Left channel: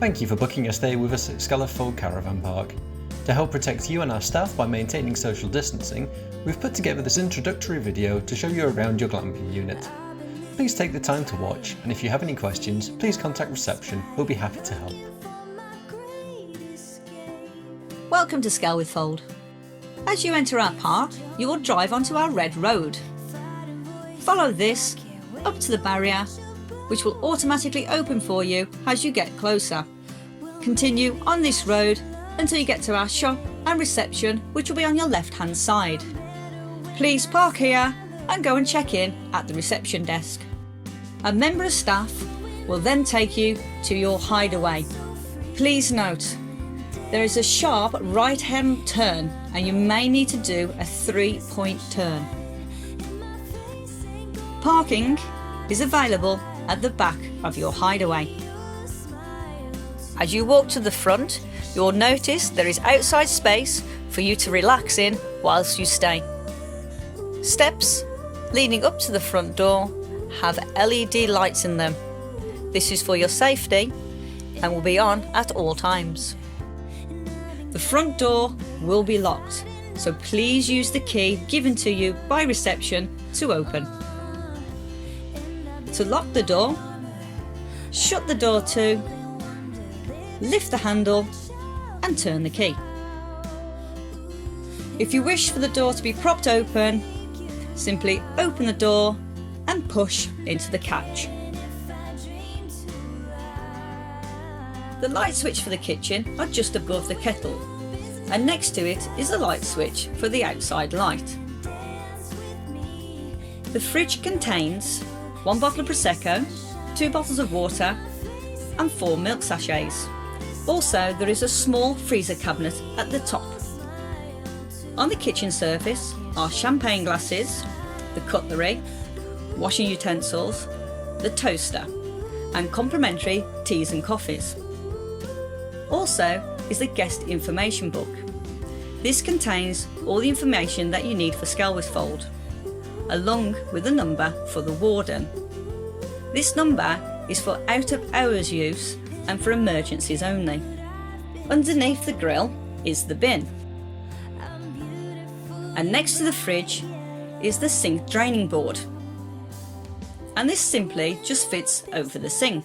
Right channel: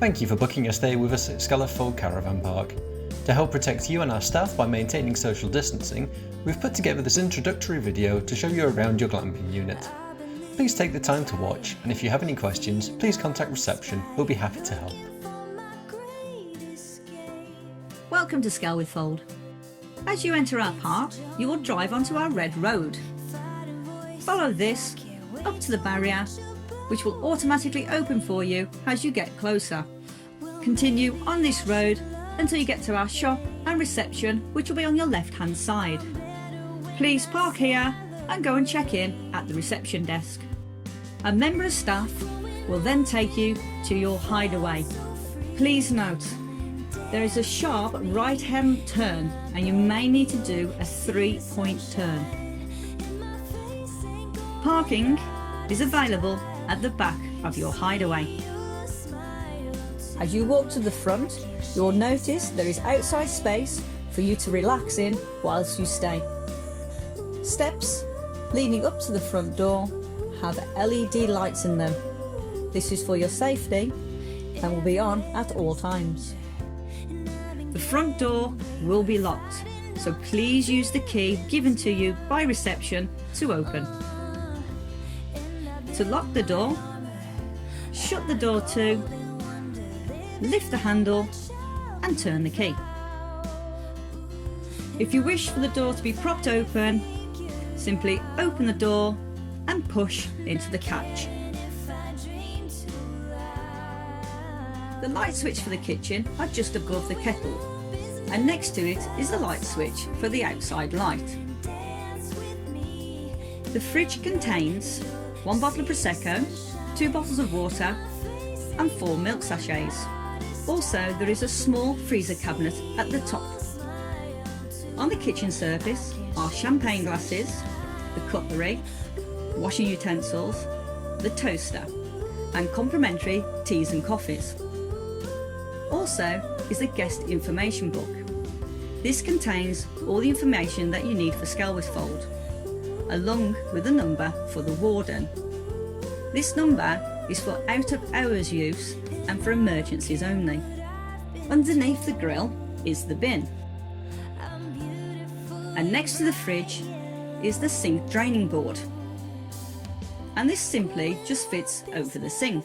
Thank you for booking a stay with us at Skelwith Fold Caravan Park. To help protect you and our staff by maintaining social distancing, we've put together this introductory video to show you around your glamping unit. Please take the time to watch, and if you have any questions, please contact reception, we'll be happy to help. Welcome to Skelwith Fold. As you enter our park, you will drive onto our red road. Follow this up to the barrier, which will automatically open for you as you get closer. Continue on this road until you get to our shop and reception, which will be on your left hand side. Please park here and go and check in at the reception desk. A member of staff will then take you to your hideaway. Please note, there is a sharp right hand turn and you may need to do a 3-point turn. Parking is available at the back of your hideaway. As you walk to the front, you'll notice there is outside space for you to relax in whilst you stay. Steps leading up to the front door have LED lights in them. This is for your safety and will be on at all times. The front door will be locked, so please use the key given to you by reception to open. To lock the door, shut the door to, lift the handle and turn the key. If you wish for the door to be propped open, simply open the door and push into the catch. The light switch for the kitchen are just above the kettle, and next to it is the light switch for the outside light. The fridge contains 1 bottle of Prosecco, 2 bottles of water and 4 milk sachets. Also, there is a small freezer cabinet at the top. On the kitchen surface are champagne glasses, the cutlery, washing utensils, the toaster and complimentary teas and coffees. Also is the guest information book. This contains all the information that you need for Skelwith Fold, along with a number for the Warden. This number is for out of hours use and for emergencies only. Underneath the grill is the bin. And next to the fridge is the sink draining board. And this simply just fits over the sink.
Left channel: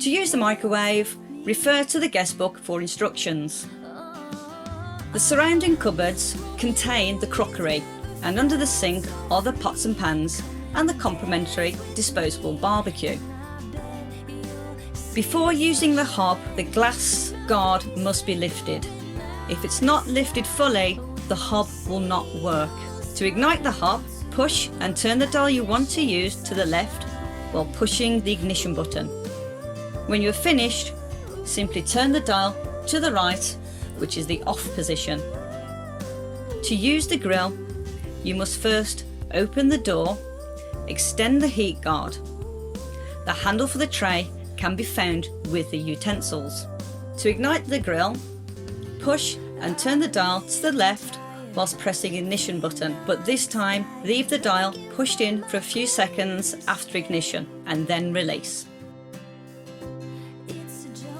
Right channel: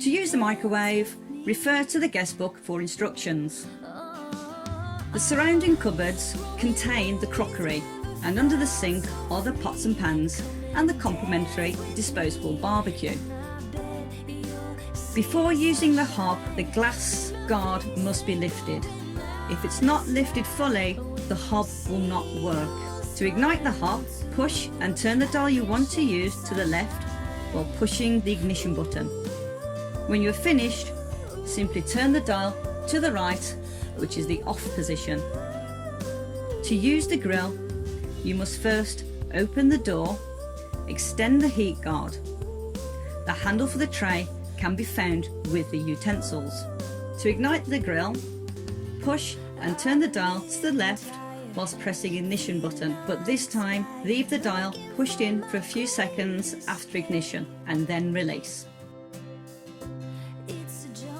To use the microwave, refer to the guest book for instructions. The surrounding cupboards contain the crockery, and under the sink are the pots and pans and the complimentary disposable barbecue. Before using the hob, the glass guard must be lifted. If it's not lifted fully, the hob will not work. To ignite the hob, push and turn the dial you want to use to the left while pushing the ignition button. When you're finished, simply turn the dial to the right, which is the off position. To use the grill, you must first open the door, extend the heat guard. The handle for the tray can be found with the utensils. To ignite the grill, push and turn the dial to the left whilst pressing ignition button, but this time leave the dial pushed in for a few seconds after ignition and then release.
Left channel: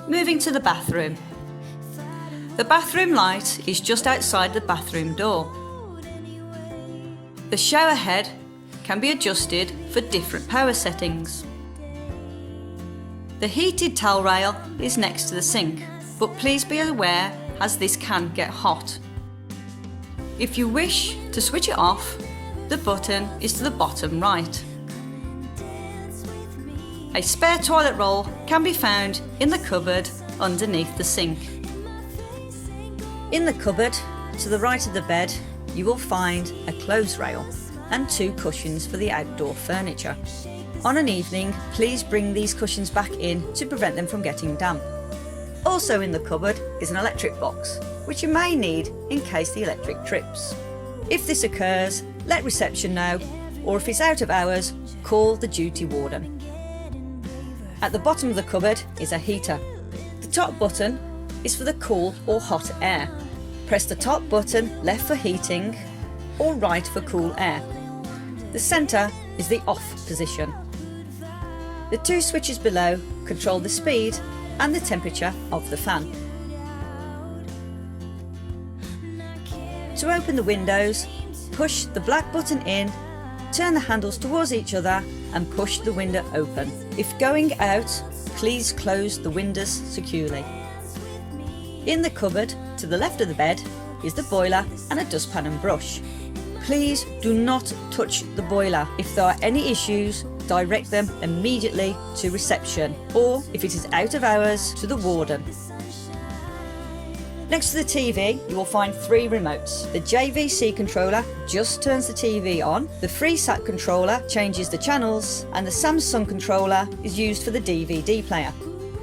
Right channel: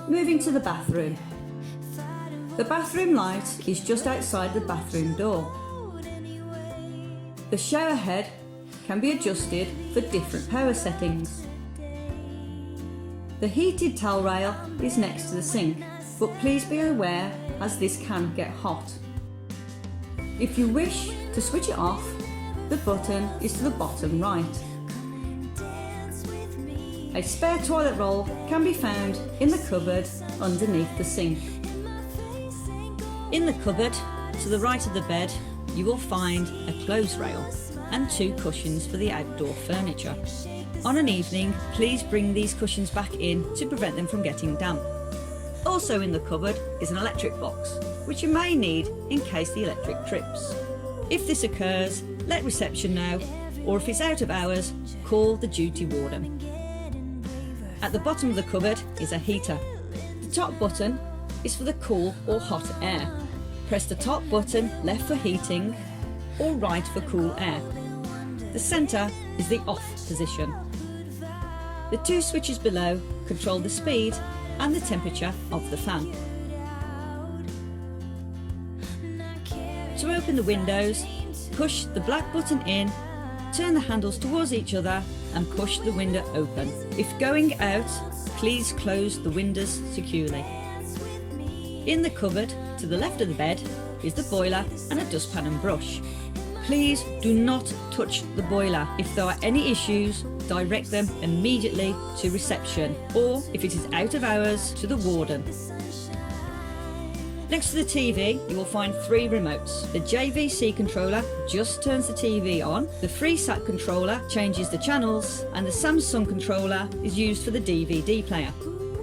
Moving to the bathroom. The bathroom light is just outside the bathroom door. The shower head can be adjusted for different power settings. The heated towel rail is next to the sink, but please be aware as this can get hot. If you wish to switch it off, the button is to the bottom right. A spare toilet roll can be found in the cupboard underneath the sink. In the cupboard, to the right of the bed, you will find a clothes rail and 2 cushions for the outdoor furniture. On an evening, please bring these cushions back in to prevent them from getting damp. Also in the cupboard is an electric box, which you may need in case the electric trips. If this occurs, let reception know, or if it's out of hours, call the duty warden. At the bottom of the cupboard is a heater. The top button is for the cool or hot air. Press the top button left for heating or right for cool air. The centre is the off position. The two switches below control the speed and the temperature of the fan. To open the windows, push the black button in, turn the handles towards each other and push the window open. If going out, please close the windows securely. In the cupboard to the left of the bed is the boiler and a dustpan and brush. Please do not touch the boiler. If there are any issues, direct them immediately to reception, or if it is out of hours, to the Warden. Next to the TV, you will find 3 remotes. The JVC controller just turns the TV on, the FreeSat controller changes the channels, and the Samsung controller is used for the DVD player.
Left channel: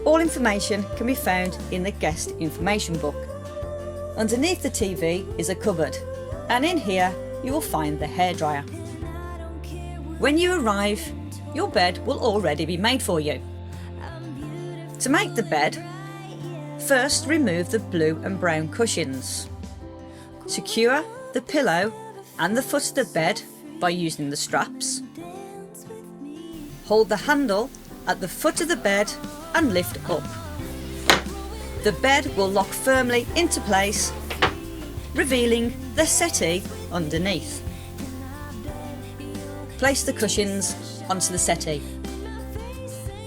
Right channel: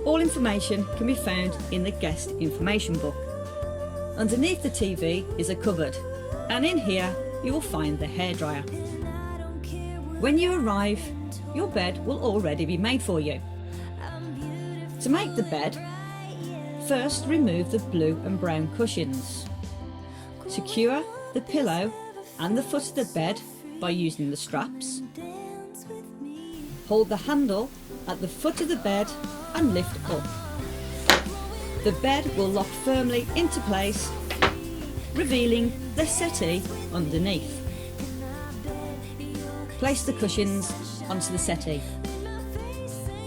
All information can be found in the guest information book. Underneath the TV is a cupboard, and in here you will find the hairdryer. When you arrive, your bed will already be made for you. To make the bed, first remove the blue and brown cushions. Secure the pillow and the foot of the bed by using the straps. Hold the handle at the foot of the bed and lift up. The bed will lock firmly into place, revealing the settee underneath. Place the cushions onto the settee.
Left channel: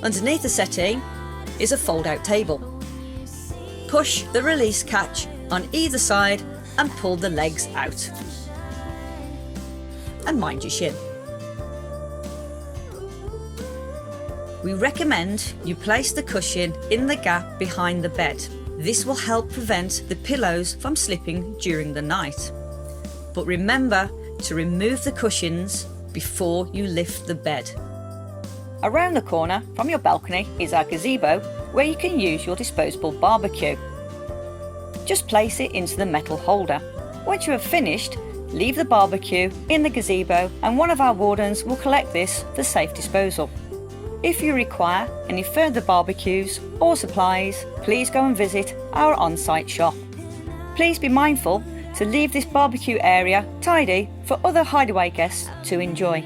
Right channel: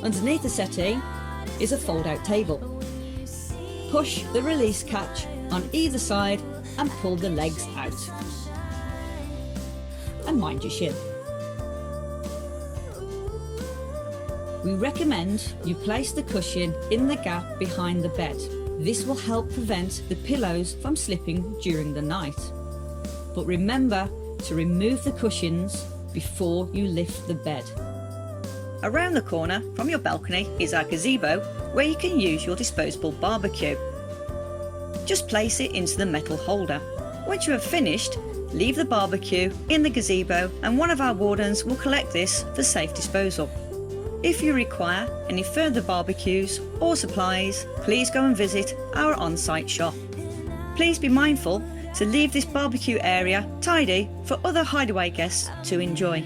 Underneath the settee is a fold-out table. Push the release catch on either side and pull the legs out. And mind your shin. We recommend you place the cushion in the gap behind the bed. This will help prevent the pillows from slipping during the night. But remember to remove the cushions before you lift the bed. Around the corner from your balcony is our gazebo, where you can use your disposable barbecue. Just place it into the metal holder. Once you have finished, leave the barbecue in the gazebo and one of our wardens will collect this for safe disposal. If you require any further barbecues or supplies, please go and visit our on-site shop. Please be mindful to leave this barbecue area tidy for other hideaway guests to enjoy.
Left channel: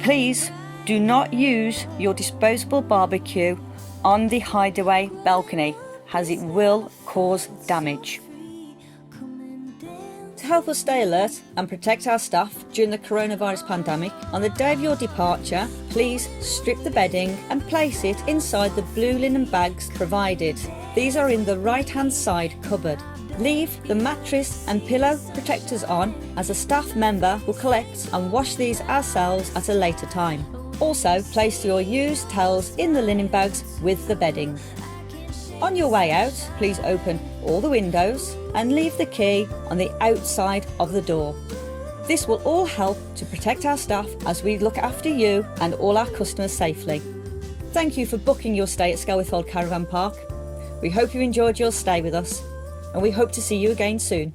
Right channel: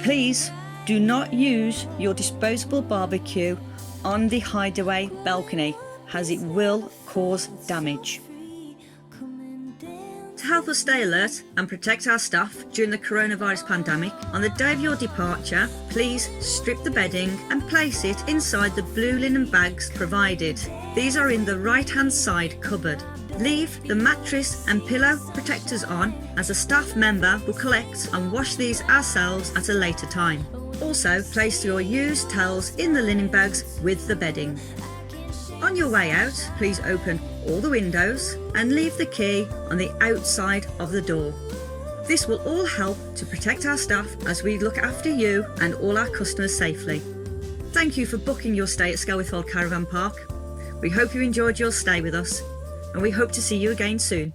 Please do not use your disposable barbecue on the hideaway balcony, as it will cause damage. To help us stay alert and protect our staff during the coronavirus pandemic, on the day of your departure, please strip the bedding and place it inside the blue linen bags provided. These are in the right-hand side cupboard. Leave the mattress and pillow protectors on, as a staff member will collect and wash these ourselves at a later time. Also, place your used towels in the linen bags with the bedding. On your way out, please open all the windows and leave the key on the outside of the door. This will all help to protect our staff as we look after you and all our customers safely. Thank you for booking your stay at Skelwith Fold Caravan Park. We hope you enjoyed your stay with us, and we hope to see you again soon.